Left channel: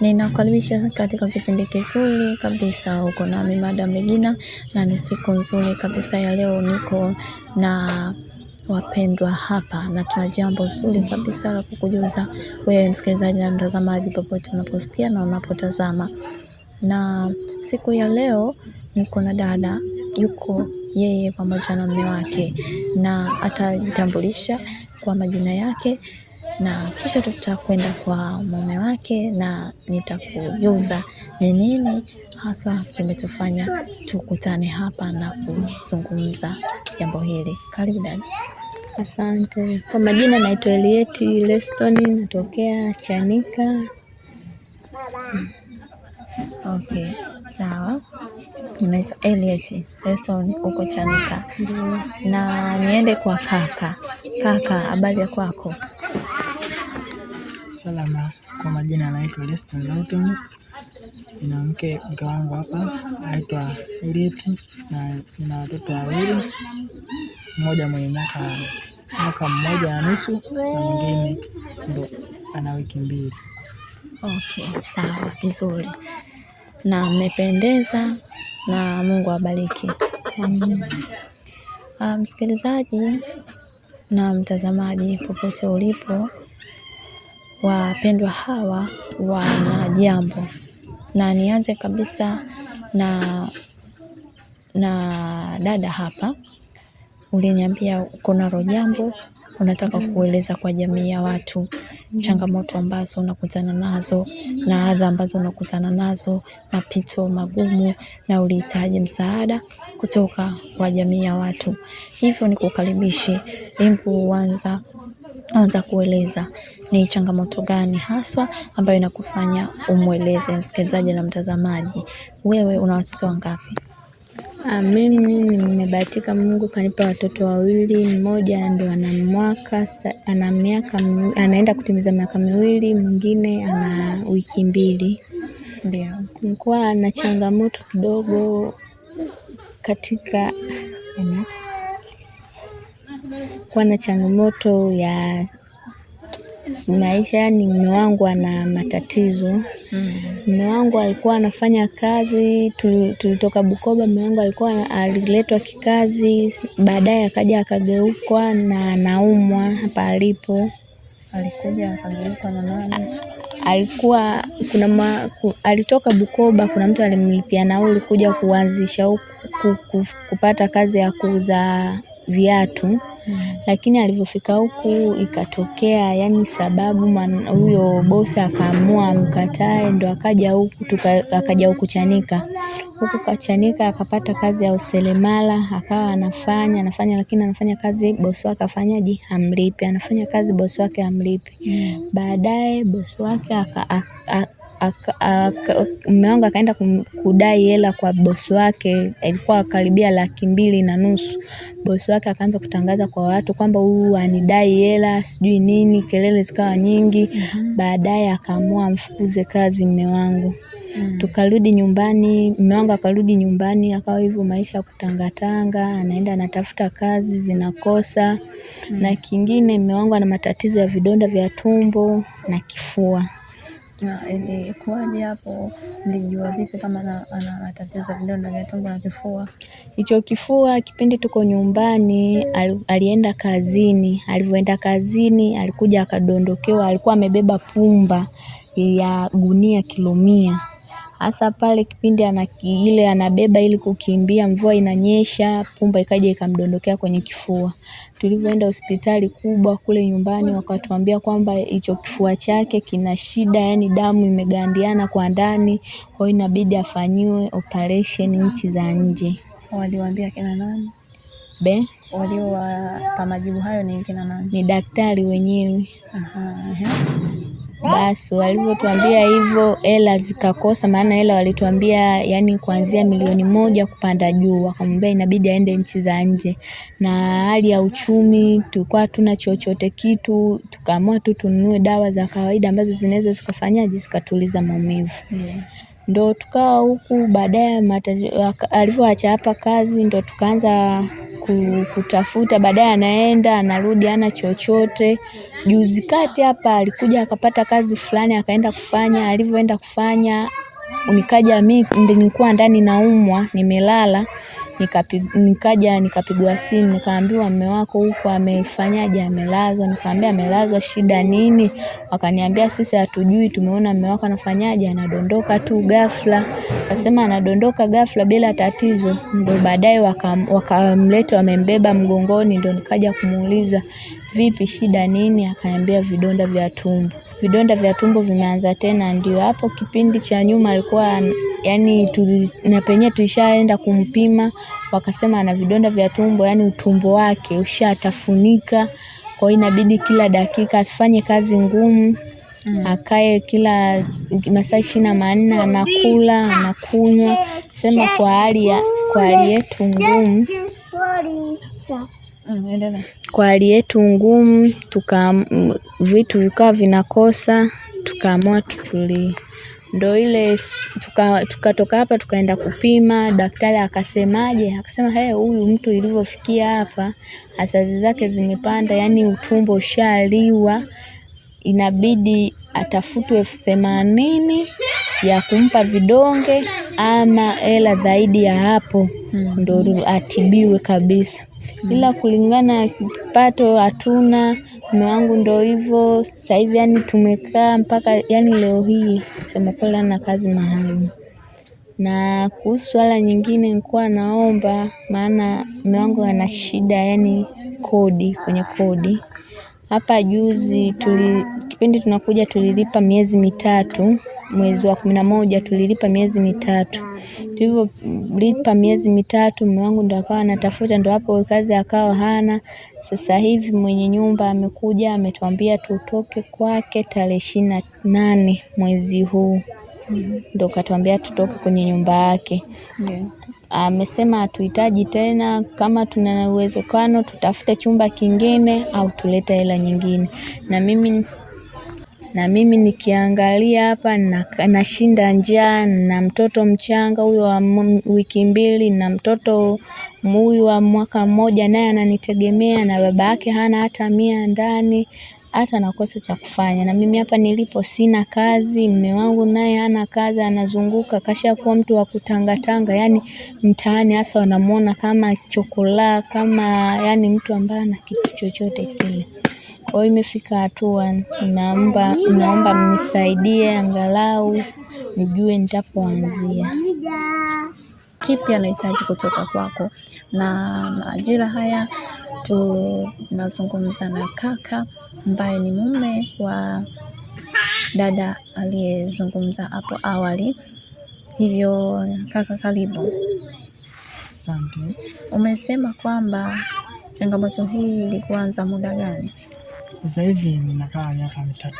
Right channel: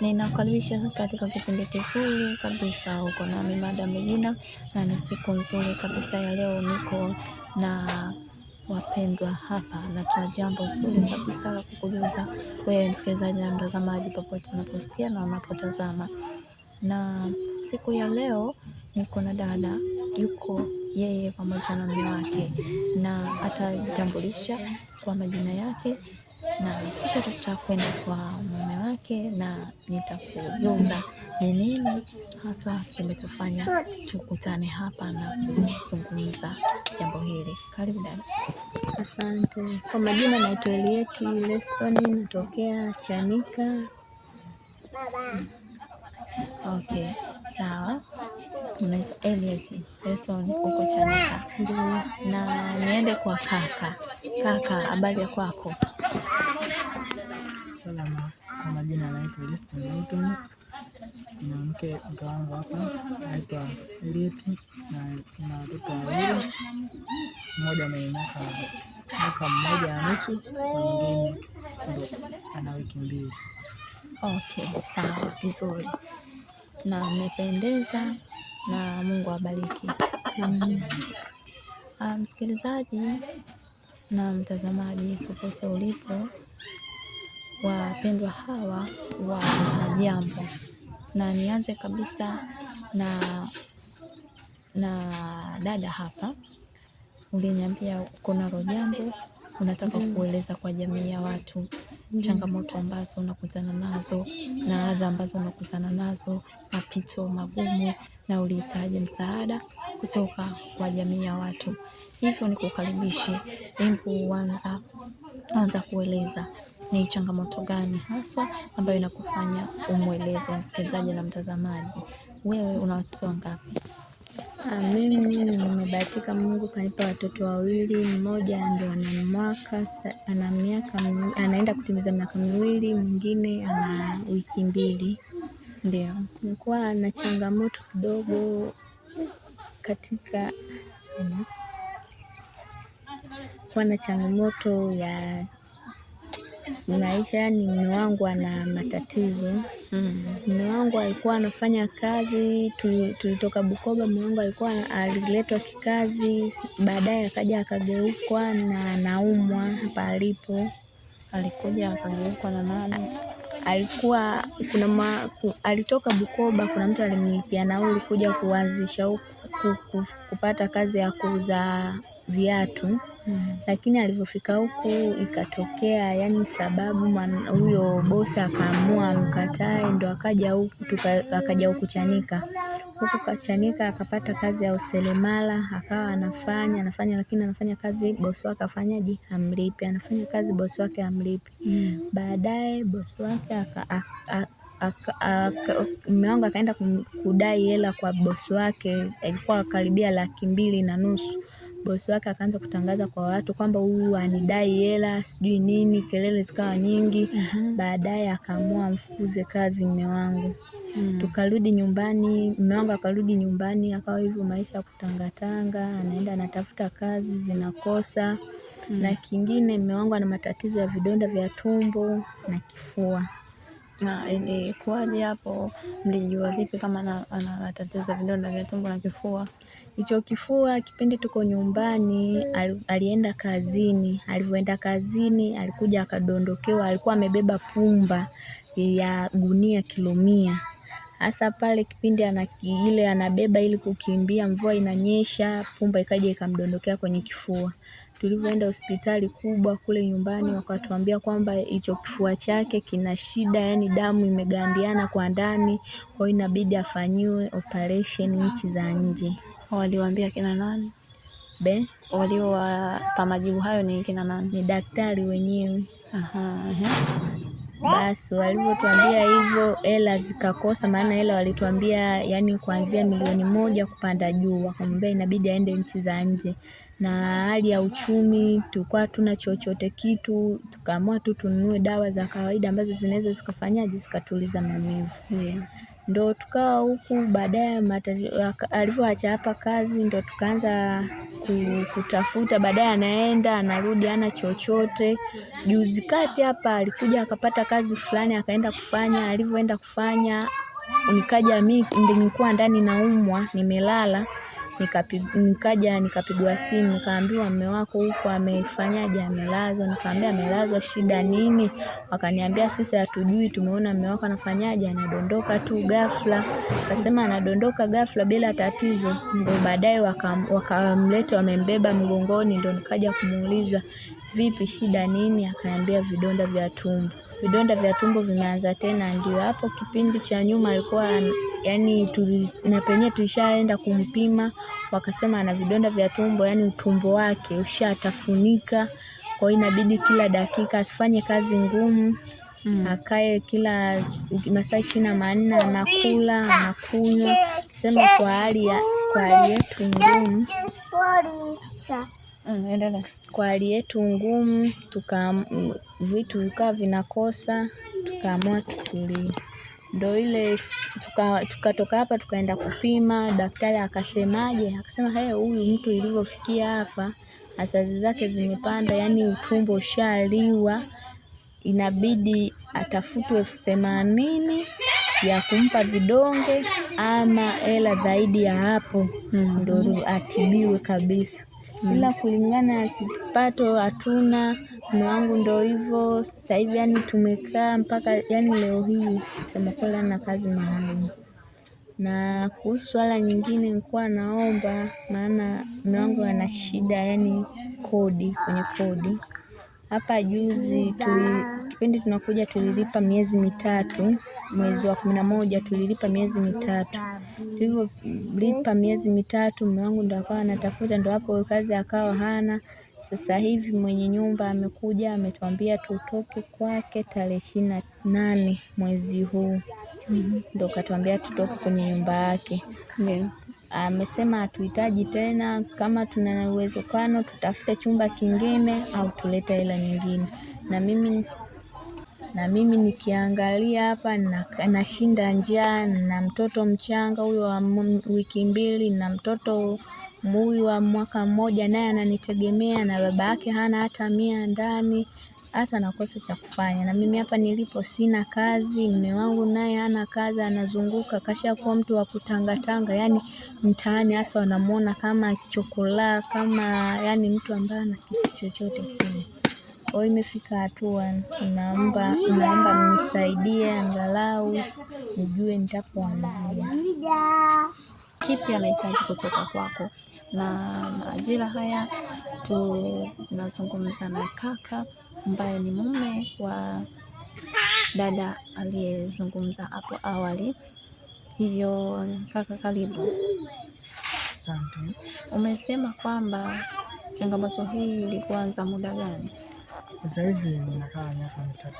Ninakukaribisha katika kipindi kizuri kabisa. Uko nami Madam Regina na ni siku nzuri kabisa ya leo. Niko na wapendwa hapa na tuna jambo zuri kabisa la kukujuza wewe msikilizaji na mtazamaji popote unaposikia na unapotazama. Na siku ya leo niko na dada, yuko yeye pamoja na mume wake, na atajitambulisha kwa majina yake na kisha tutakwenda kwa mume wake na nitakujuza ni nini hasa kimetufanya tukutane hapa na kuzungumza jambo hili. Karibu dada. Asante. Kwa majina naitwa Elieti Leston, natokea Chanika. Okay, sawa. Unaitwa Elieti Leston, uko Chanika. Na niende kwa kaka. Kaka, habari ya kwako? Salama. Kwa majina naitwa Leston Newton. Nina mke wangu hapa anaitwa Elieti na nina watoto wawili, mmoja mwenye mwaka mmoja na nusu na mwingine ndo ana wiki mbili. Okay, sawa, vizuri. Na mmependeza na Mungu awabariki. Msikilizaji na mtazamaji popote ulipo, wapendwa hawa wana jambo, na nianze kabisa na dada hapa. Uliniambia kuna jambo unataka kueleza kwa jamii ya watu, changamoto ambazo unakutana nazo na adha ambazo unakutana nazo, mapito magumu, na ulihitaji msaada kutoka kwa jamii ya watu. Hivyo nikukaribishe, hebu anza kueleza ni changamoto gani haswa ambayo inakufanya umweleze msikilizaji na mtazamaji. Wewe una watoto wangapi? Mimi nimebahatika, Mungu kanipa watoto wawili. Mmoja ndo anaenda kutimiza miaka miwili, mwingine ana wiki mbili. Ndio. Nilikuwa na changamoto kidogo katika changamoto ya maisha, yani mume wangu ana matatizo. Mume wangu alikuwa anafanya kazi, tulitoka Bukoba. Mume wangu aliletwa kikazi, baadaye akaja akageukwa na anaumwa hapa alipo. Alikuja akageukwa na nani? Alitoka Bukoba, kuna mtu alimlipia nauli kuja kuanzisha huku kupata kazi ya kuuza viatu. Lakini alivyofika huku ikatokea yani sababu huyo bosi akaamua mkatae, ndo akaja huku Chanika. Huku Chanika akapata kazi ya useremala, akawa anafanya lakini anafanya kazi bosi wake afanyaje, hamlipi. Anafanya kazi bosi wake hamlipi. Baadaye bosi wake mume wangu akaenda kudai hela kwa bosi wake, ilikuwa karibia 250,000. Bosi wake akaanza kutangaza kwa watu kwamba huyu anidai hela sijui nini, kelele zikawa nyingi. Baadaye akaamua amfukuze kazi mume wangu. Tukarudi nyumbani, mume wangu akarudi nyumbani, akawa hivyo maisha ya kutangatanga, anaenda anatafuta kazi zinakosa. Na kingine, mume wangu ana matatizo ya vidonda vya tumbo na kifua. Na ilikuwaje hapo? Mlijua vipi kama ana matatizo ya vidonda vya tumbo na kifua? Hicho kifua, kipindi tuko nyumbani, alienda kazini. Alivyoenda kazini, alikuja akadondokewa, alikuwa amebeba pumba ya gunia kilo 100. Hasa pale kipindi anabeba ili kukimbia, mvua inanyesha, pumba ikaja ikamdondokea kwenye kifua. Tulivyoenda hospitali kubwa kule nyumbani, wakatuambia kwamba hicho kifua chake kina shida, yani damu imegandiana kwa ndani, kwa hiyo inabidi afanyiwe operation nchi za nje. Waliwaambia kina nani? Waliowapa majibu hayo ni kina nani? Ni daktari wenyewe. Basi walivyotuambia hivyo, hela zikakosa, maana hela walituambia yani kuanzia 1,000,000 kupanda juu. Wakamwambia inabidi aende nchi za nje. Na hali ya uchumi tulikuwa hatuna chochote kitu, tukaamua tu tununue dawa za kawaida ambazo zinaweza zikafanyaje, zikatuliza maumivu. Ndo tukawa huku baadaye alivyoacha hapa kazi ndo tukaanza kutafuta, baadaye anaenda anarudi hana chochote. Juzi kati hapa alikuja akapata kazi fulani akaenda kufanya, alivyoenda kufanya nikaja mimi nilikuwa ndani naumwa nimelala, nikapigwa simu nikaambiwa mume wako huko amefanyaje, amelazwa. Nikamwambia amelazwa shida nini? Wakaniambia sisi hatujui, tumeona mume wako anafanyaje, anadondoka tu ghafla. Akasema anadondoka ghafla bila tatizo. Ndio baadaye wakamleta wamembeba mgongoni, ndio nikaja kumuuliza vipi shida nini? Akaniambia vidonda vya tumbo. Vidonda vya tumbo vimeanza tena. Ndio hapo kipindi cha nyuma alikuwa yani na penyewe tulishaenda kumpima, wakasema ana vidonda vya tumbo, yani utumbo wake ushatafunika. Kwa hiyo inabidi kila dakika asifanye kazi ngumu, akae kila masaa 24 anakula anakunywa. Sema kwa hali yetu ngumu, kwa hali yetu ngumu vitu vikawa vinakosa, tukaamua tutulie. Ndo ile tukatoka hapa tukaenda kupima, daktari akasemaje? Akasema huyu mtu ilivyofikia hapa asazi zake zimepanda, yani utumbo ushaliwa, inabidi atafutwe 80,000 ya kumpa vidonge ama hela zaidi ya hapo ndo atibiwe kabisa. Ila kulingana na kipato hatuna. Mume wangu ndo hivyo sasa hivi, yani tumekaa mpaka yani leo hii sema kweli na kazi maalum. Na kuhusu swala nyingine nilikuwa naomba, maana mume wangu ana shida yani kwenye kodi. Hapa juzi kipindi tunakuja tulilipa miezi 3, mwezi wa 11 tulilipa miezi 3. Tulivyolipa miezi 3 mume wangu ndo akawa anatafuta, ndo hapo kazi akawa hana. Sasa hivi mwenye nyumba amekuja ametuambia tutoke kwake tarehe 28 mwezi huu. Ndo katuambia tutoke kwenye nyumba yake. Amesema hatuhitaji tena, kama tuna uwezekano tutafute chumba kingine au tulete hela nyingine. Na mimi nikiangalia hapa nashinda njaa, na mtoto mchanga huyo wa wiki 2 na mtoto huyu wa mwaka 1 naye ananitegemea, na baba yake hana hata 100 ndani, hata nakosa cha kufanya. Na mimi hapa nilipo sina kazi, mume wangu naye hana kazi, anazunguka kashakuwa mtu wa kutangatanga, yani mtaani hasa wanamuona kama chokola, kama yani mtu ambaye ana kitu chochote kile. Kwa hiyo imefika hatua naomba mnisaidie angalau nijue nitapoanzia. Kipi anahitaji kutoka kwako? Na majira haya tunazungumza na kaka ambaye ni mume wa dada aliyezungumza hapo awali. Hivyo kaka, karibu. Asante. Umesema kwamba changamoto hii ilikuanza muda gani? Sasa hivi ninakaa miaka 3.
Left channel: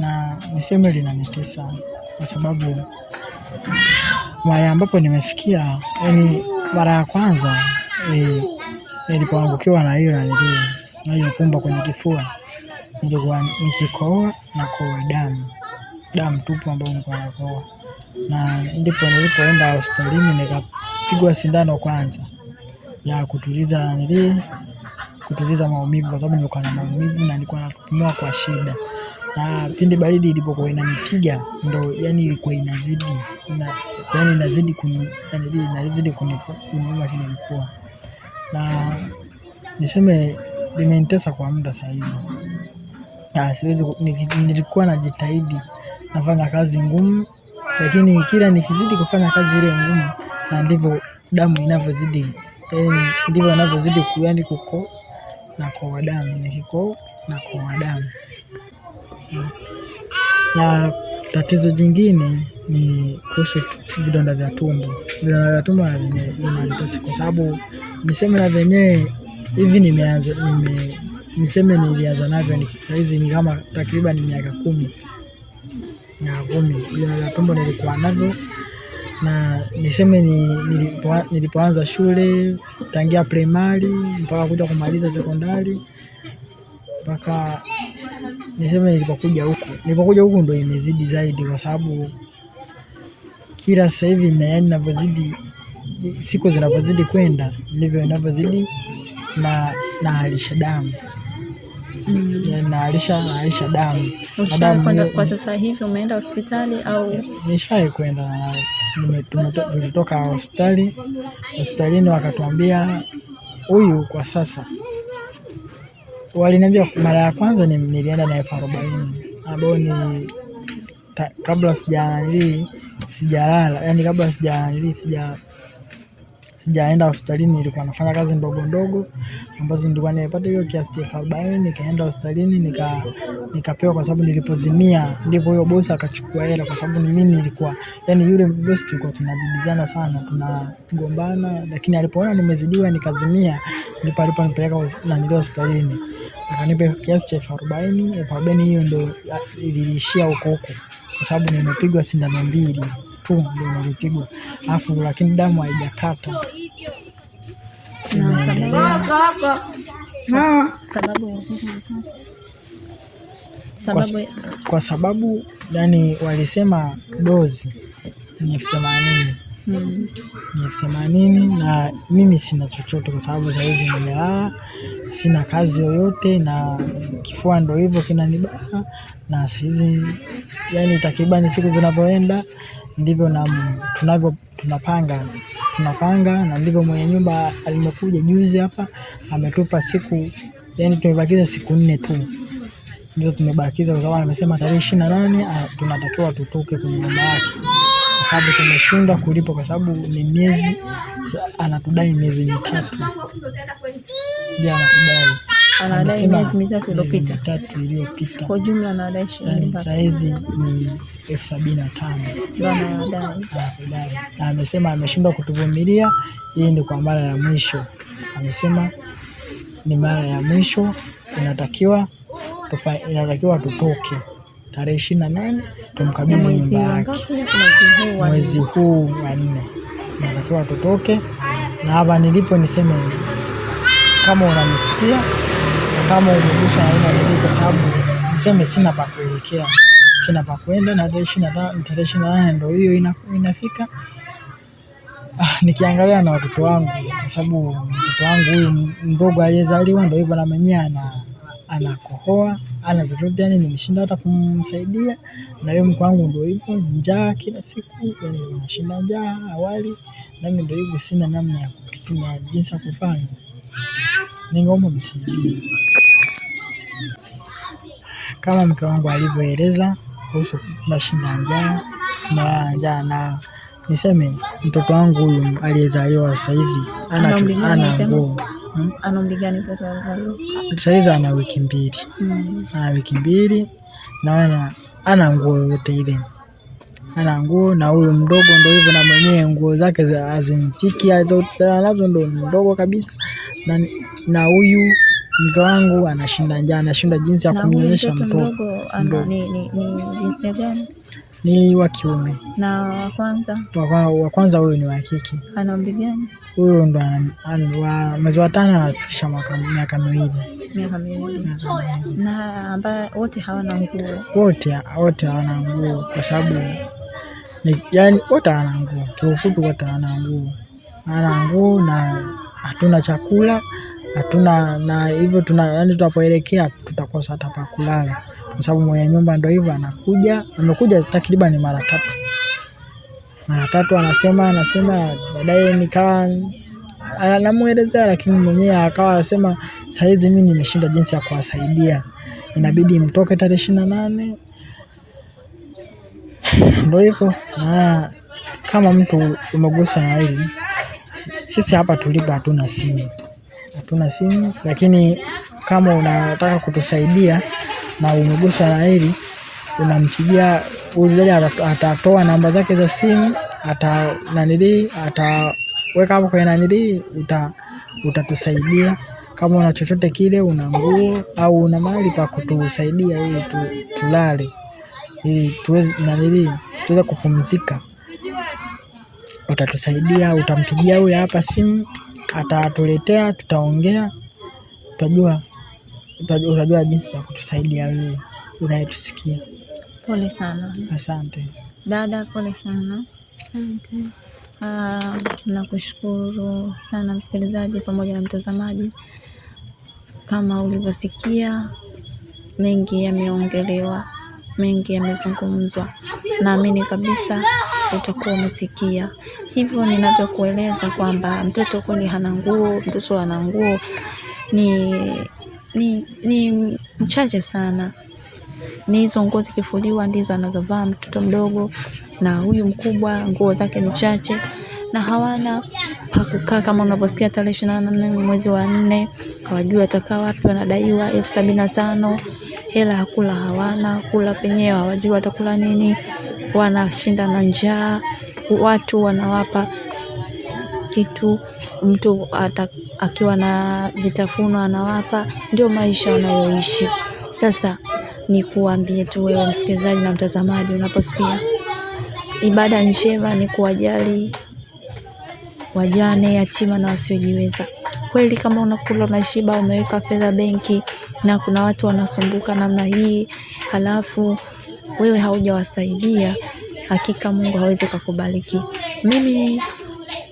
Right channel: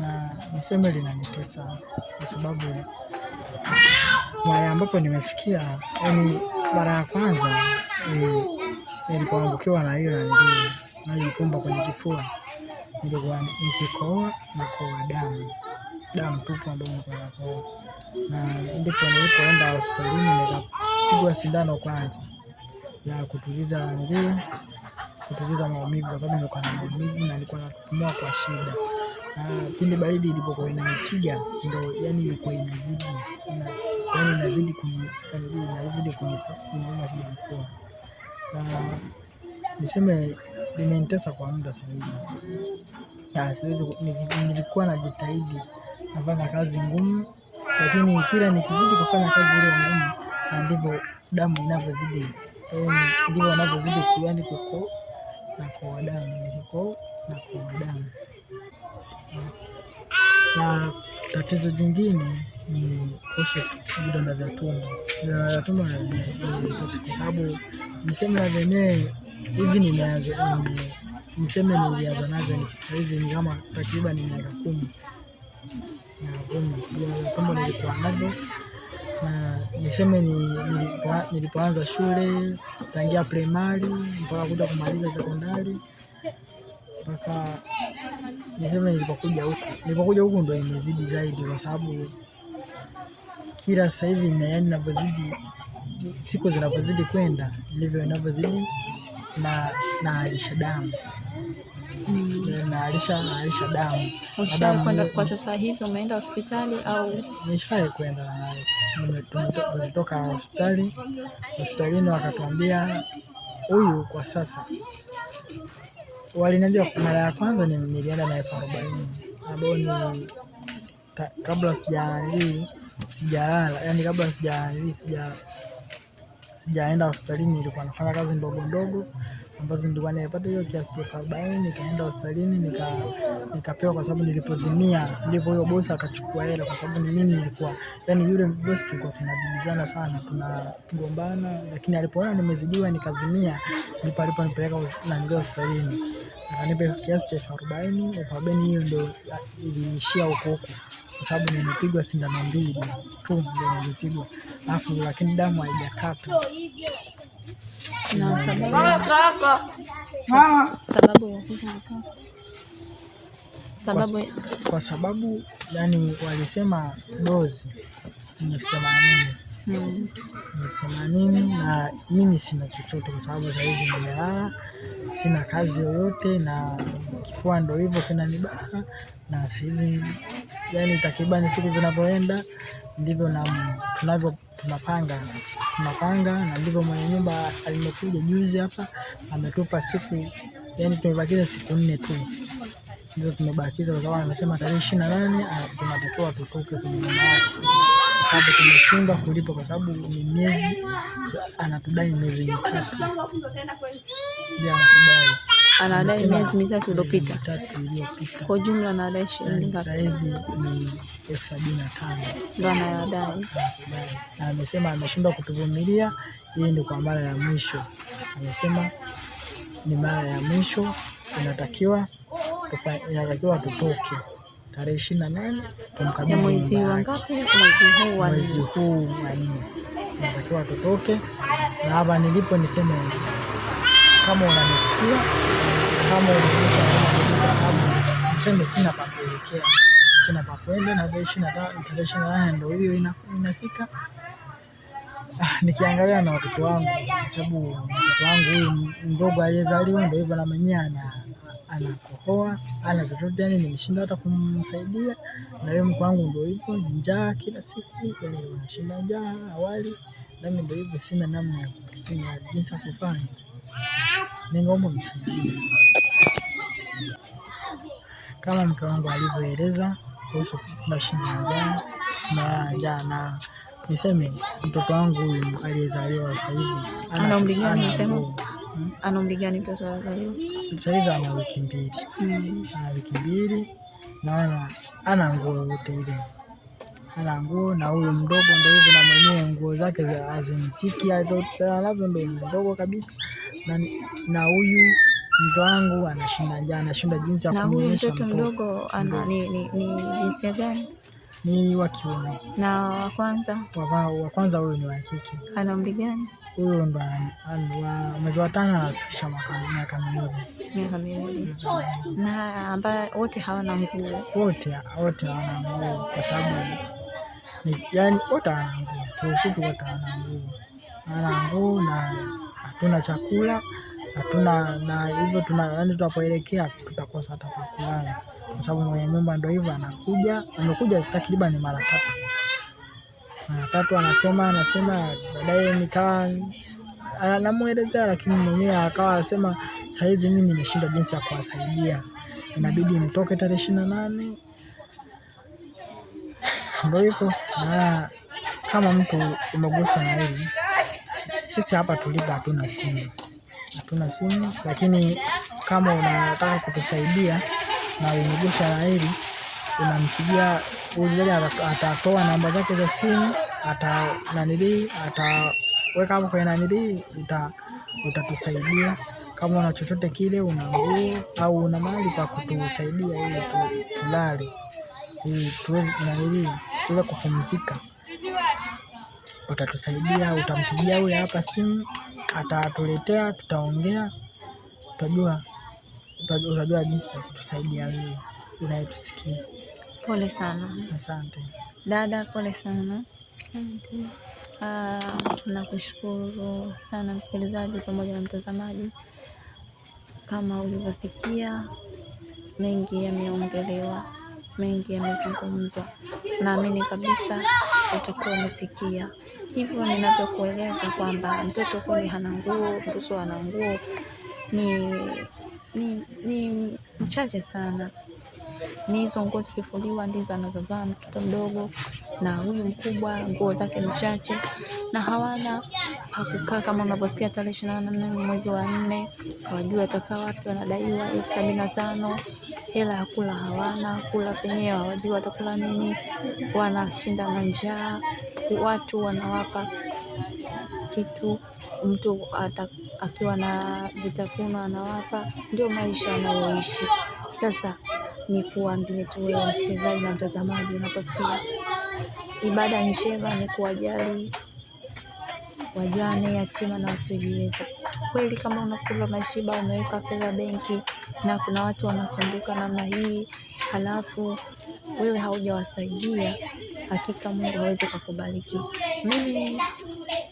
Na niseme linanitesa kwa sababu mara ambapo nimefikia, yani mara ya kwanza nilipoangukiwa na hiyo pumba kwenye kifua, nilikuwa nikikohoa na kohoa damu tupu ambayo nilikuwa nakohoa. Na ndipo nilipoenda hospitalini nikapigwa sindano kwanza ya kutuliza maumivu, kwa sababu nilikuwa na maumivu na nilikuwa napumua kwa shida. Na pindi baridi ilipokuwa inanipiga ndo yani ilikuwa inazidi kuniuma kile kifua. Na niseme limenitesa kwa muda sasa hivi. Nilikuwa najitahidi nafanya kazi ngumu, lakini kila nikizidi kufanya kazi ile ngumu na ndivyo damu inavyozidi, ndivyo inavyozidi kuko na kwa damu, nikiko na kwa damu. Na tatizo jingine ni kuhusu vidonda vya tumbo. Vidonda vya tumbo na vyenyewe vinanitesa kwa sababu niseme na vyenyewe hivi nilianza navyo sasa hizi ni kama takriban miaka 10. Vidonda vya tumbo nilikuwa navyo, na niseme nilipoanza shule tangia primary mpaka kuja kumaliza sekondari mpaka niseme nilipokuja huku ndo imezidi zaidi, kwa sababu kila sasa hivi na yani ninavyozidi siku zinavyozidi kwenda ndivyo inavyozidi na alisha damu na alisha damu. Ushakwenda kwa sasa hivi, umeenda hospitali au? Nishawahi kwenda, tumetoka hospitalini wakatuambia huyu kwa sasa, waliniambia mara ya kwanza nilienda na 40,000 ambao ni kabla sijalala, yani kabla sijaenda hospitalini nilikuwa nafanya kazi ndogo ambazo nilikuwa nimepata hiyo kiasi cha 40,000, nikaenda hospitalini nikapewa, kwa sababu nilipozimia ndipo huyo bosi akachukua hela, kwa sababu mimi nilikuwa yani yule bosi tulikuwa tunadibizana sana, tunagombana, lakini alipoona nimezidiwa nikazimia ndipo aliponipeleka hospitalini akanipa kiasi cha 40,000 hiyo ndo iliishia huko, kwa sababu nimepigwa sindano 2 tu ndio nilipigwa, lakini damu haijakata, imeendelea. Kwa sababu yani walisema dozi ni 80,000. Ni 80,000 na mimi sina chochote, kwa sababu saa hizi nimelala, sina kazi yoyote na kifua ndo hivyo kinanibana, na saa hizi yani takribani siku zinapoenda ndivyo tunapanga, na ndivyo mwenye nyumba alimokuja juzi hapa ametupa siku, yani tumebakiza siku 4 tu ndizo tumebakiza, kwa sababu amesema tarehe 28 tunatakiwa tutoke kwenye nyumba yake, kwa sababu tumeshindwa kulipa, kwa sababu ni miezi, anatudai miezi 3 ndio anadai miezi 3 iliyopita. Kwa jumla anadai shilingi Saa hizi ni 75,000 na amesema ameshindwa kutuvumilia, hii ni kwa mara ya mwisho, amesema ni mara ya mwisho, inatakiwa tutoke tarehe 28 tumkabidhi nyumba yake. Mwezi huu wa 4 inatakiwa tutoke, na hapa nilipo niseme kama unanisikia, kama umeguswa na kwa sababu niseme sina pa kuelekea, sina pa kwenda, na tarehe 28 ndio hiyo inafika. Nikiangalia na watoto wangu, kwa sababu mtoto wangu huyu mdogo aliyezaliwa ndio hivyo, na mwenyewe anakohoa, ana chochote, yani nimeshinda hata kumsaidia, na yeye mko wangu ndio hivyo, njaa kila siku, yani nashinda njaa awali, nami ndio hivyo, sina namna ya jinsi ya kufanya, ningeomba msaidie kama mke wangu alivyoeleza kuhusu nashinda njaa, na niseme mtoto wangu huyu aliyezaliwa sasa hivi ana nguo. Ana umri gani mtoto aliyezaliwa? Sasa hivi ana wiki 2. Ana wiki 2 na ana nguo yote ile. Ana nguo, na huyu mdogo ndio hivyo, na mwenyewe nguo zake hazimfiki, anazo ndo ndogo kabisa, na huyu mke wangu anashinda njaa, anashinda jinsi ya kumnyonyesha mtoto mdogo. Ni jinsia gani? Ni wa kiume. Na wa kwanza huyu ni wa kike. Ana umri gani? Huyu ndo mwezi wa 5 anafikisha miaka 2. Miaka 2. Na ambaye wote hawana nguo. Wote hawana nguo, kwa sababu yani wote hawana nguo. Kiufupi wote hawana nguo. Hawana nguo na hatuna chakula, hatuna, na hivyo yani tutapoelekea tutakosa hata pa kulala, kwa sababu mwenye nyumba ndio hivyo amekuja takriban mara 3 anasema baadaye nikawa anamuelezea, lakini mwenyewe akawa anasema saa hizi mimi nimeshinda jinsi ya kuwasaidia, inabidi mtoke tarehe 28. Ndio hivyo, na kama mtu umeguswa na hili, sisi hapa tulipo hatuna simu, lakini kama unataka kutusaidia na umeguswa na hili, unampigia yule, atatoa namba zake za simu, ataweka hapo kwenye utatusaidia. Kama una chochote kile, una nguo au una mahali pa kutusaidia ili tulale, ili tuweze kupumzika, utatusaidia. Utampigia huyu hapa simu, atatuletea, tutaongea, tutajua utajua jinsi ya kutusaidia wewe unayetusikia. Pole sana. Asante. Dada, pole sana. Nakushukuru sana msikilizaji pamoja na mtazamaji. Kama ulivyosikia, mengi yameongelewa, mengi yamezungumzwa. Naamini kabisa utakuwa umesikia. Hivyo ninavyokueleza kwamba mtoto kweli hana nguo, mtoto ana nguo ni mchache sana. Ni hizo nguo zikifuliwa ndizo anazovaa mtoto mdogo, na huyu mkubwa nguo zake ni chache na hawana pa kukaa. Kama unavyosikia tarehe 28 mwezi wa 4, hawajui watakaa wapi, wanadaiwa 75,000. Hela ya kula hawana, kula penyewe hawajui watakula nini, wanashinda na njaa. Watu wanawapa kitu, mtu akiwa na vitafunwa anawapa, ndio maisha wanayoishi. Sasa ni kuambie tu wewe msikilizaji na mtazamaji, unaposikia ibada njema ni kuwajali wajane, yatima na wasiojiweza. Kweli kama unakula unashiba, umeweka fedha benki na kuna watu wanasumbuka namna hii, halafu wewe haujawasaidia, hakika Mungu hawezi kukubariki. Mimi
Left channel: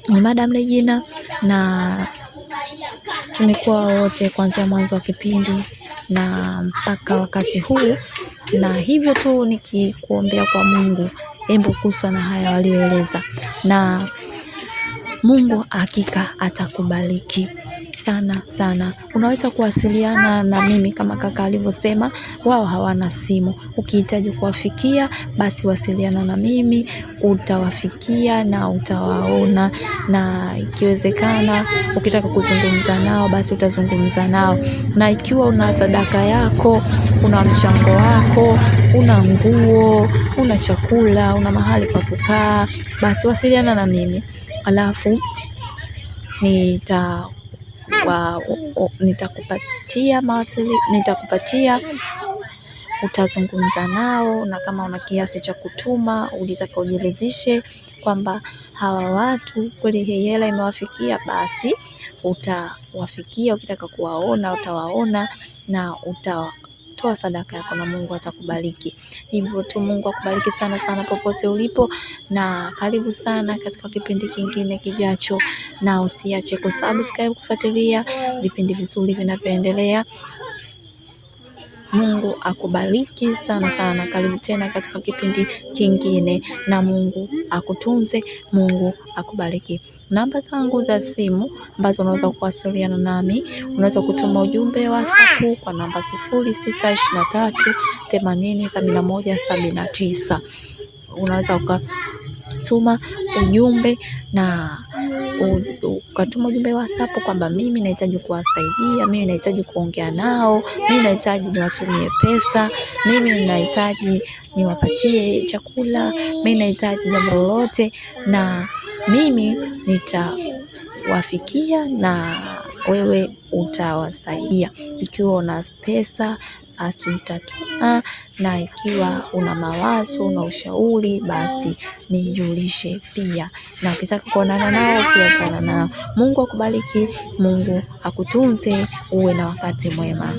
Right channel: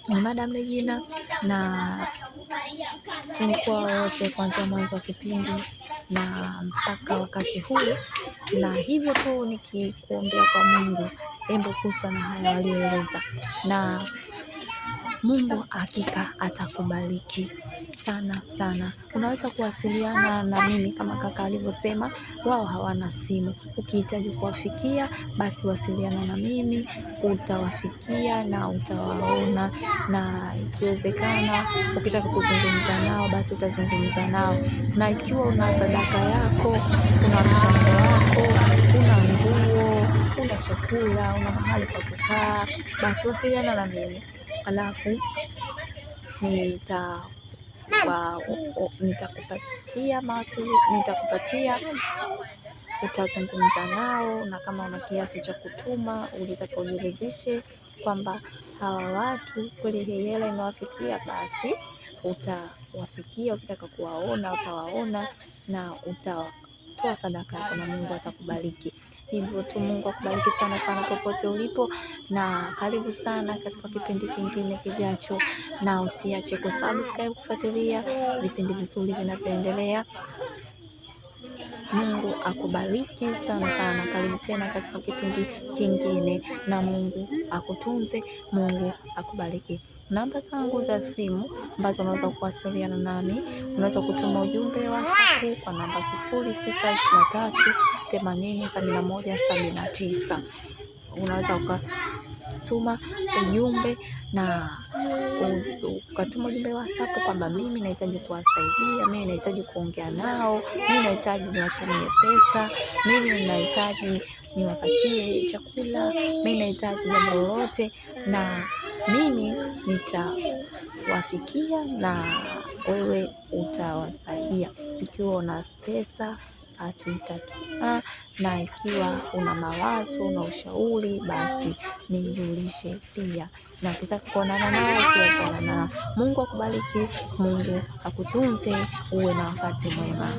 ni Madam Regina na tumekuwa wote kuanzia mwanzo wa kipindi na mpaka wakati huu, na hivyo tu nikikuombea kwa Mungu, hebu kuswa na haya walioeleza, na Mungu hakika atakubariki sana sana. Unaweza kuwasiliana na mimi kama kaka alivyosema, wao hawana simu. Ukihitaji kuwafikia basi wasiliana na mimi, utawafikia na utawaona, na ikiwezekana ukitaka kuzungumza nao basi utazungumza nao. Na ikiwa una sadaka yako, una mchango wako, una nguo, una chakula, una mahali pa kukaa, basi wasiliana na mimi. Alafu nitakupatia utazungumza nao, na kama una kiasi cha kutuma ulitaka ujiridhishe kwamba hawa watu kweli hii hela imewafikia, basi utawafikia. Ukitaka kuwaona utawaona na utatoa sadaka yako na Mungu atakubariki. Hivyo tu, Mungu akubariki sana sana popote ulipo, na karibu sana katika kipindi kingine kijacho, na usiache kusubscribe, kufuatilia vipindi vizuri vinavyoendelea. Mungu akubariki sana sana. Karibu tena katika kipindi kingine, na Mungu akutunze, Mungu akubariki. Namba zangu za simu ambazo unaweza kuwasiliana nami, unaweza kutuma ujumbe wa WhatsApp kwa namba 0623 80 71 79. Unaweza ukatuma ujumbe na ukatuma ujumbe wa WhatsApp kwamba mimi nahitaji kuwasaidia, mimi nahitaji kuongea nao, mimi nahitaji niwatumie pesa, mimi nahitaji niwapatie chakula, mimi nahitaji jambo lolote, na mimi nitawafikia na wewe utawasaidia. Ikiwa una pesa basi utatoa, na ikiwa una mawazo na ushauri basi nijulishe pia, na ukitaka kuonana nao pia utaonana nao. Mungu akubariki, Mungu akutunze, uwe na wakati mwema.